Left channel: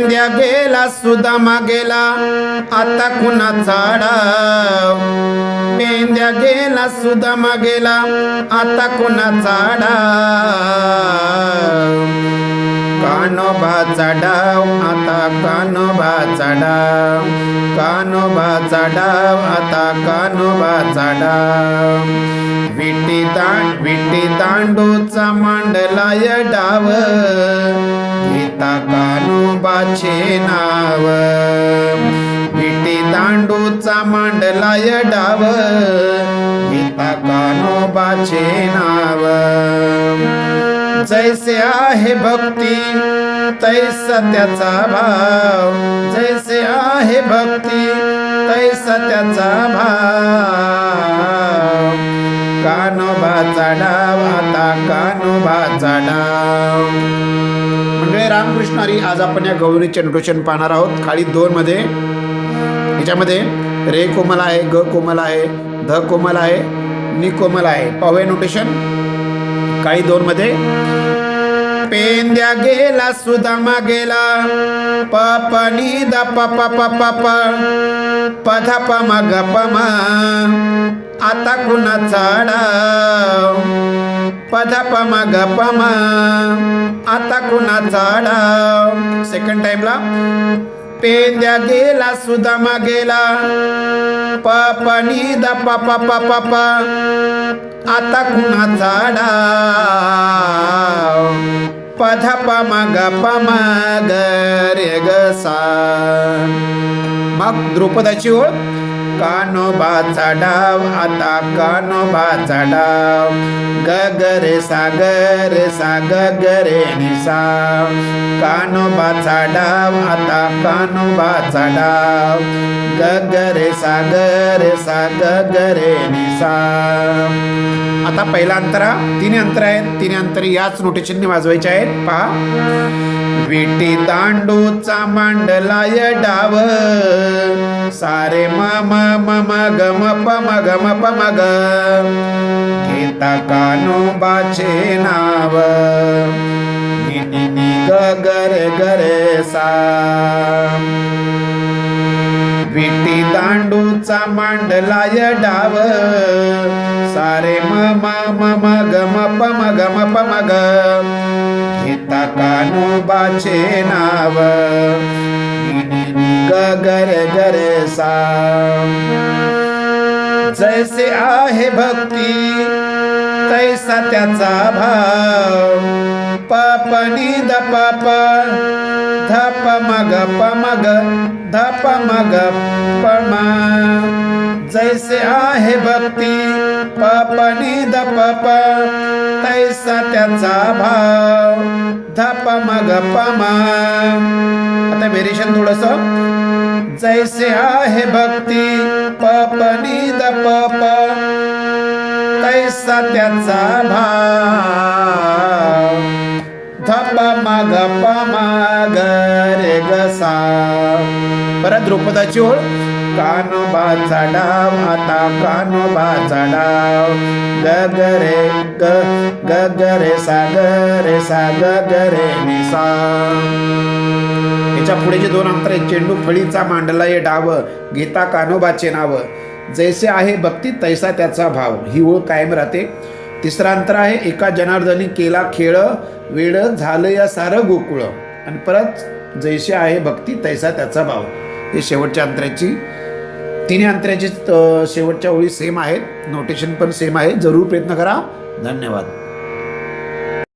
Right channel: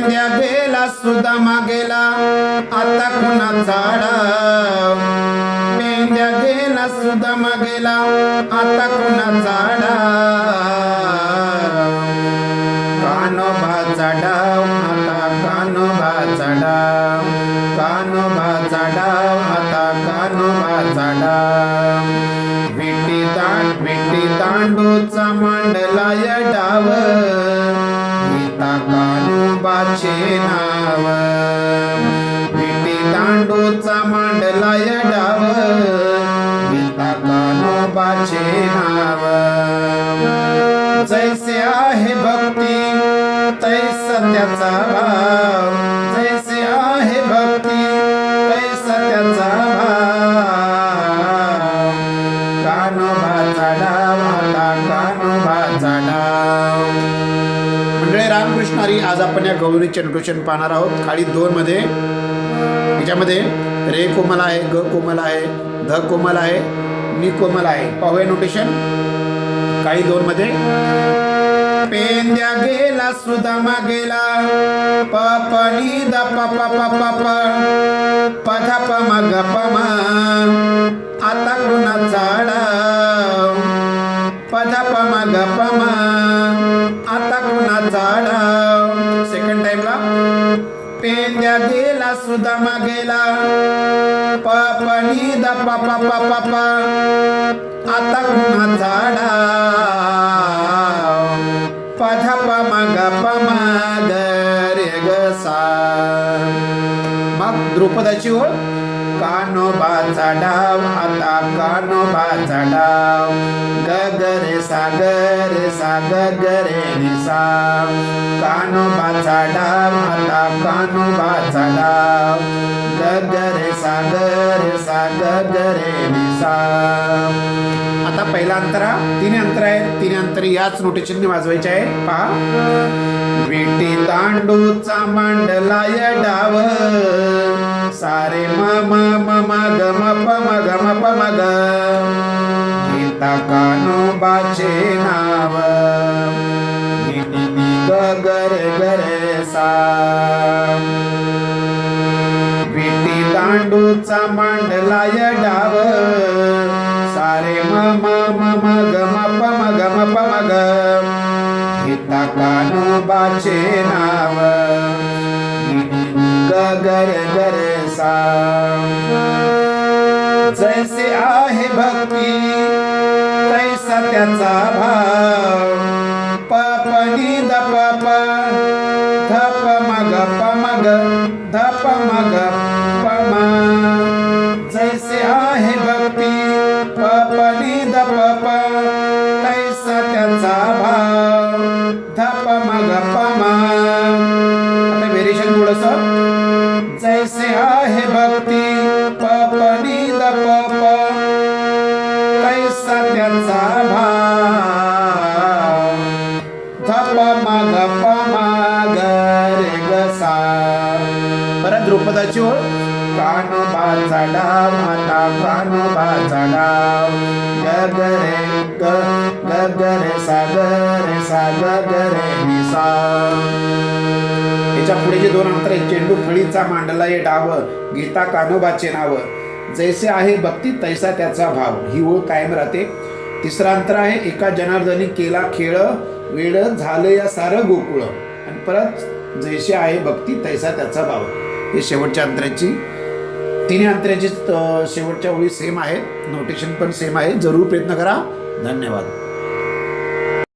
पेंद्या गेला सुदामा गेला आता कुणाचा डाव मेंद्या गेला सुदामा गेला आता कुणाचा डाव कानोबाचा डाव आता कानोबाचा डाव. कानोबाचा डाव आता कानोबाचा डाव. विटी दांड विटी दांडूचा या डाव. मांडला मांडलाय डाव गीता कानोबाचे नाव जैसे आहे भक्ती तै त्याचा भाव. जैसे आहे भक्ती तैसा त्याचा भाव. कानोबाचा डाव आता कानोबाचा डाव म्हणजे रामकृष्णारी आज आपण या गौरीचे नोटेशन पाहणार आहोत. खाली दोन मध्ये याच्यामध्ये रे कोमल आहे ग कोमल आहे ध कोमल आहे नि कोमल आहे. पाहूया नोटेशन काही दोन मध्ये. पेंद्या गेला सुदामा गेला. प प नि द प प प प प प ध प म ग प म आता कुणाचा डाव प ध प म ग प म आता कुणाचा डाव सेकंड टाइमला पेंद्या गेला सुदामा गेला पपनी प नि द प. आता कुणाचा डाव पध प म ग प म रे ग सा. मग द्रुपदाची ओळ. कानोबाचा डाव आता कानोबाचा डाव गगरे सागर रे सा रे सा ग रे कानोबाचा डाव आता कानोबाचा डाव गगरे सागर रे सा रे ग रे आता पहिला अंतरा तीन अंतर आहेत. तीन अंतर याच नोटेशनने वाजवायचे आहेत. पहा. विटी दांडूचा मांडलाय डाव. सारे म म म म ग म प म ग म प म ग। गीता कानोबाचे नाव। नि नि नि ग ग रे ग रे सा। विटी दांडूचा मांडलाय डाव। सारे म म म म ग म प म ग म प म ग। गीता कानोबाचे नाव। जैसे आहे भक्ती तैसा त्याचा भाव. प प नि द प प ध प ग जैसे आहे भक्ती प नि द्रुपदाची ओळ? कानोबाचा डाव माता कानोबाचा डाव ग ग रे ग ग ग रे सा रे सा ग ग रे याच्यापुढे जे दोन अंतर आहे चेंडू फळीचा मांडला ये डाव गीता कानोबाचे नाव. जैसे आहे भक्ती तैसा त्याचा भाव. ही ओळ कायम राहते. तिसरा अंतर आहे एका जनार्दनी केला खेळ वेळ झालं या सारं गोकुळ. आणि परत जैसे आहे भक्ती तैसा त्याचा भाव. हे शेवटच्या अंतराची तिन्ही अंतराची शेवटच्या ओळी सेम आहेत. नोटेशन पण सेम आहे. जरूर प्रयत्न करा. धन्यवाद.